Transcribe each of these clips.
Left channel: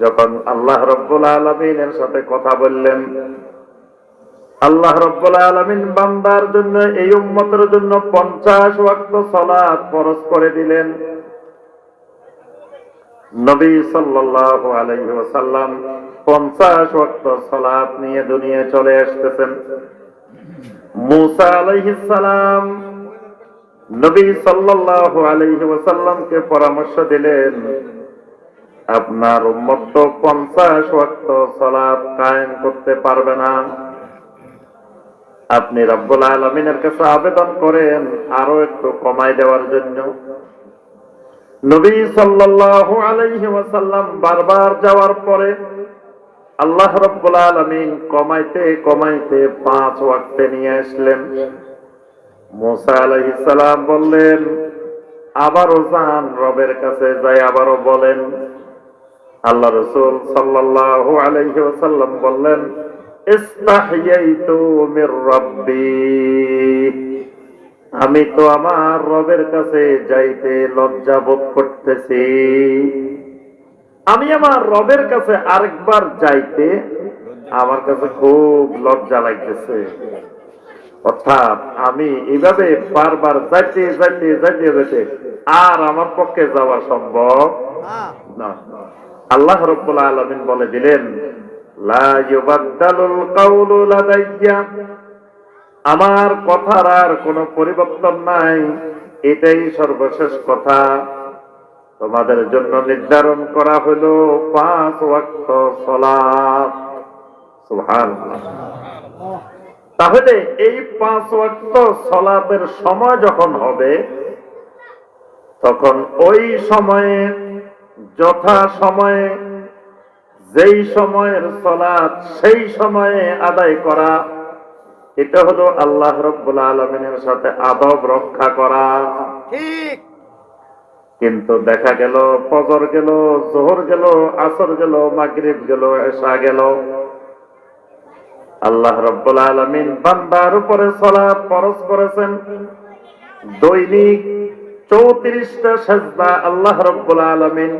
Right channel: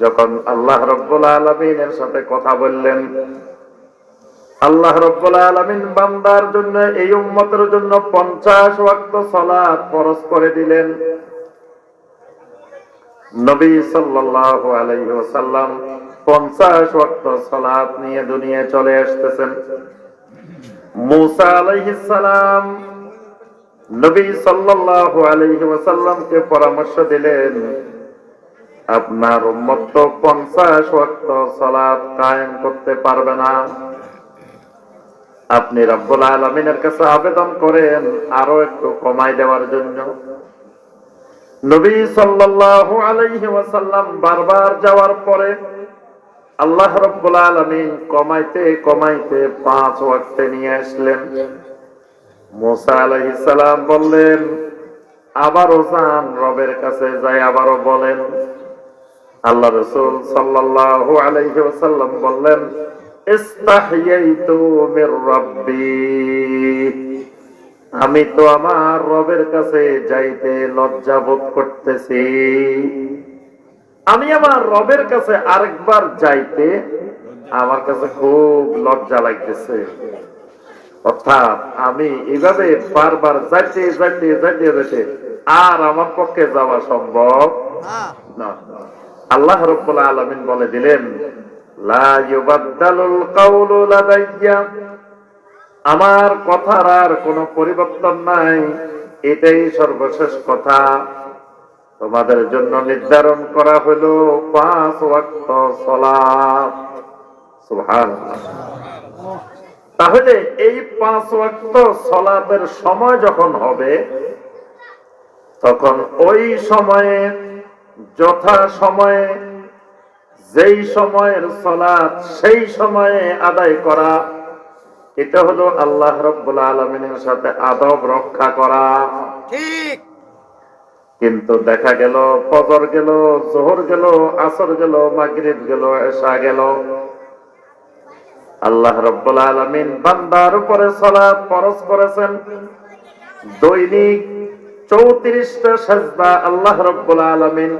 যখন আল্লাহ রাব্বুল আলামিনের সাথে কথা বললেন, আল্লাহ রাব্বুল আলামিন বান্দার জন্য, এই উম্মতের জন্য 50 ওয়াক্ত সালাত ফরজ করে দিলেন। নবী 50 ওয়াক্ত নিয়ে চলে আসতেছেন। মুসা নবী সাল্লাল্লাহু আলাইহি ওয়াসাল্লামকে পরামর্শ দিলেন, আপনার উম্মত তো 50 ওয়াক্ত সালাত কায়েম করতে পারবে না। আপনি রব্বুল আলামিনের কাছে আবেদন করেন আরও একটু কমাই দেওয়ার জন্য। নবী সাল্লাল্লাহু আলাইহি ওয়াসাল্লাম বারবার যাওয়ার পরে আল্লাহ রব্বুল আলামিন কমাইতে কমাইতে পাঁচ ওয়াক্তে নিয়ে আসলেন। মুসা আলাইহিস সালাম বললেন আবারও যান রবের কাছে যাই আবারও বলেন। আল্লাহ রসুল আলাইহি বললেন আমি তো আমার রবের কাছে যাইতে লজ্জা বোধ করতেছি। আমি আমার রবের কাছে আরেকবার যাইতে আমার কাছে খুব লজ্জা লাগতেছে। অর্থাৎ আমি এভাবে বারবার যাইতে যাইতে যাইতে যেতে আর আমার পক্ষে যাওয়া সম্ভব না। আল্লাহ রব্বুল আলামিন বলে দিলেন আমার কথার আর কোনো পরিবর্তন নাই, এটাই সর্বশেষ কথা। তোমাদের জন্য নির্ধারণ করা হলো পাঁচ ওয়াক্ত সালাত। সুবহানাল্লাহ। তাহলে এই পাঁচ ওয়াক্ত সলাতের সময় যখন হবে তখন ওই সময়ে যথা সময়ে যেই সময়ের সলাৎ সেই সময়ে আদায় করা এটা হলো আল্লাহ রব্বুল আলমিনের সাথে আদব রক্ষা করা। ঠিক। কিন্তু দেখা গেল ফজর গেল জোহর গেল আসর গেল মাগরিব গেল এসা গেল। আল্লাহ রব্বুল আলমিন বান্দার উপরে ফরজ করেছেন। দৈনিক চৌত্রিশটা সেজদা আল্লাহ রব্বুল আলমিন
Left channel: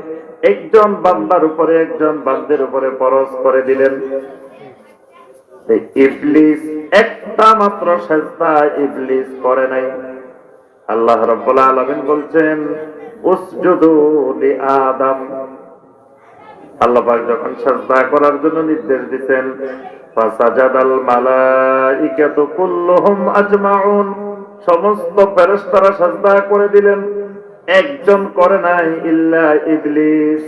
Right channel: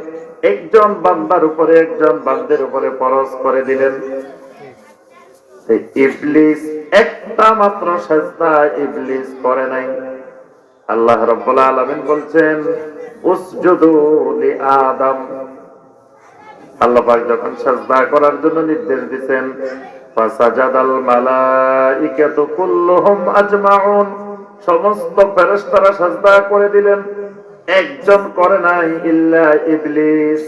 একজন বান্দার উপরে, একজন বান্দের উপরে ফরজ করে দিলেন। ইবলিস একটা মাত্র সেজদা ইবলিস করে নাই। আল্লাহ রব্বুল আলামিন বলছেন আদম। আল্লাহ যখন সাজদা করার জন্য নির্দেশ দিবেন সমস্ত সাজদা করে দিলেন। একজন করে নাই ইল্লা ইবলিস।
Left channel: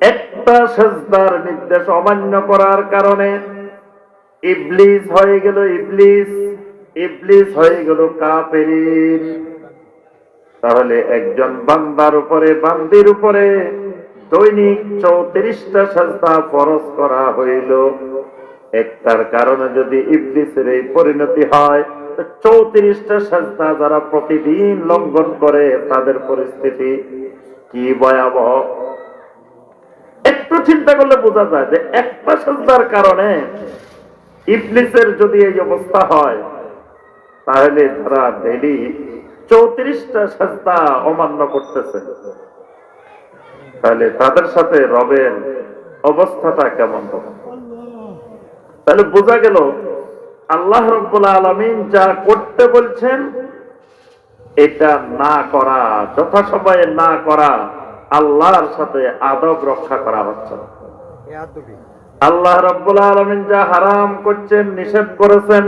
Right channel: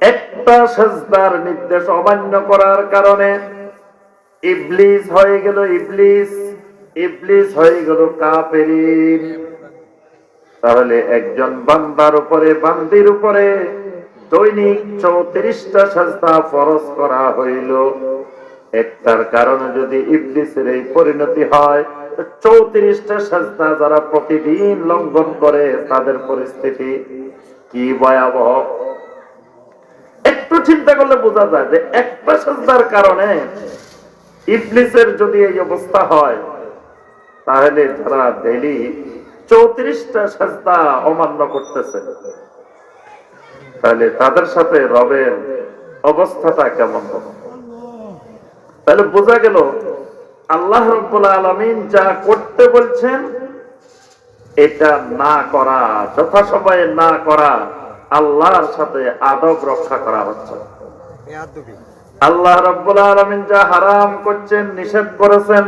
একটা নির্দেশ অমান্য করার কারণে ইবলিস হয়ে গেল ইবলিস। ইবলিস হয়ে গেল কাফেরিন। তাহলে একজন বান্দার উপরে, বান্দির উপরে দৈনিক চৌত্রিশটা সাজদা ফরজ করা হইল। একটার কারণে যদি ইবলিসের এই পরিণতি হয় চৌত্রিশটা সাজদা যারা প্রতিদিন লঙ্ঘন করে তাদের পরিস্থিতি কি ভয়াবহ? একটু চিন্তা করলে বোঝা যায় যে একটা সাজদার কারণে ইবলিসের যদি এই অবস্থা হয়, তাহলে যারা ডেলি চৌত্রিশটা সাজদা অমান্য করতেছে। তাহলে তাদের সাথে রবের অবস্থাটা কেমন হবে? তাহলে বোঝা গেল আল্লাহ রব্বুল আলমিন যা করতে বলছেন এটা না করা যথাসময়ে না করা আল্লাহর সাথে আদব রক্ষা করা হচ্ছে আল্লাহ রব্বুল আলমিন যা হারাম করছেন নিষেধ করেছেন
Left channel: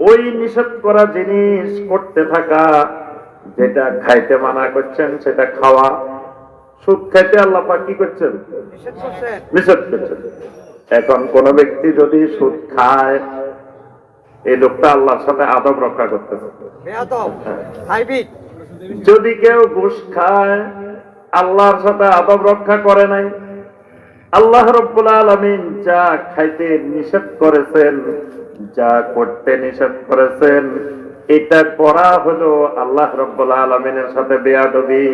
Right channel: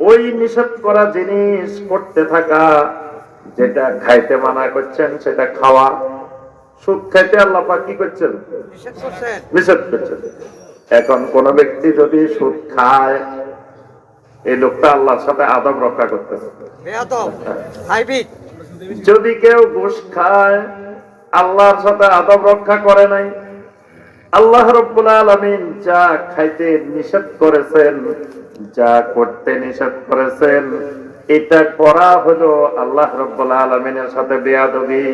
ওই নিষেধ করা জিনিস করতে থাকা যেটা খাইতে মানা করছেন সেটা খাওয়া সুদ খাইতে আল্লাহ কি করছেন? নিষেধ করছেন। এখন কোন ব্যক্তি যদি সুদ খায় এই লোকটা আল্লাহর সাথে আদব রক্ষা করতেছে। যদি কেউ ঘুষ খায় আল্লাহর সাথে আদব রক্ষা করে নাই। আল্লাহ রব্বুল আলমিন যা খাইতে নিষেধ করেছেন যা করতে নিষেধ করেছেন এটা করা হলো আল্লাহ রব্বুল আলমিনের সাথে বেয়াদবি।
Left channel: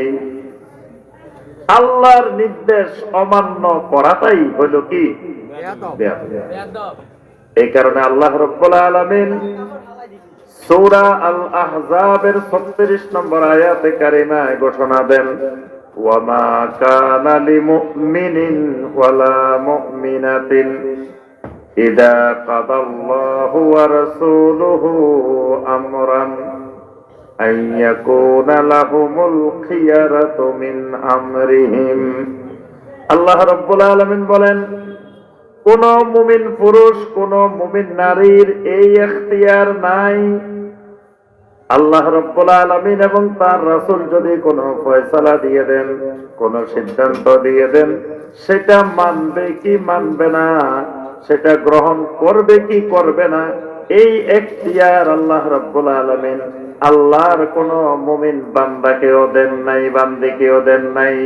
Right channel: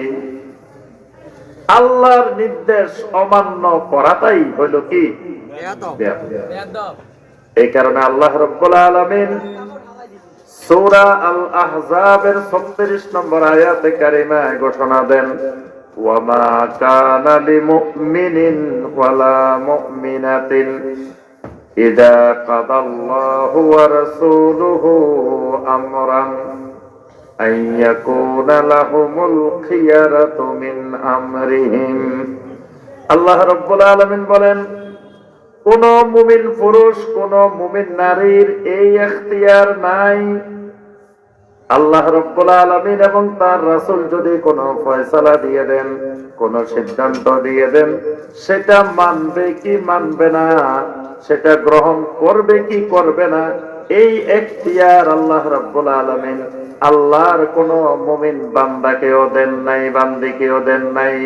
আল্লাহর নির্দেশ অমান্য করাটাই হলো কি? এই কারণে আল্লাহ রব্বুল আলামিন সূরা আল আহজাবের 36 নম্বর আয়াতে কারিমায় ঘোষণা দেন ওয়ামা কানা লিমুমিনিন ওয়ালা মুমিনাতিন ইযা কাদাল্লাহু ওয়া রাসূলুহু আমরান আন ইয়াকুনা লাহুমুল খিয়ারাতু মিন আমরিহিম আল্লাহ রাব্বুল আলামিন বলেন কোন মুমিন পুরুষ, কোন মুমিন নারীর এই এখতিয়ার নাই। আল্লাহ রব্বুল আলামিন এবং তার রাসূল যদি কোন ফয়সালা দিয়ে দেন, কোন সিদ্ধান্ত দিয়ে দেন, সেটা মানবে কি মানবে না? সেটা গ্রহণ করবে কি করবে না, এই এখতিয়ার আল্লাহ রব্বুল আলামিন আল্লাহর কোন মমিন বান্দাকেও দেন নাই, বান্দিকেও দেন নাই।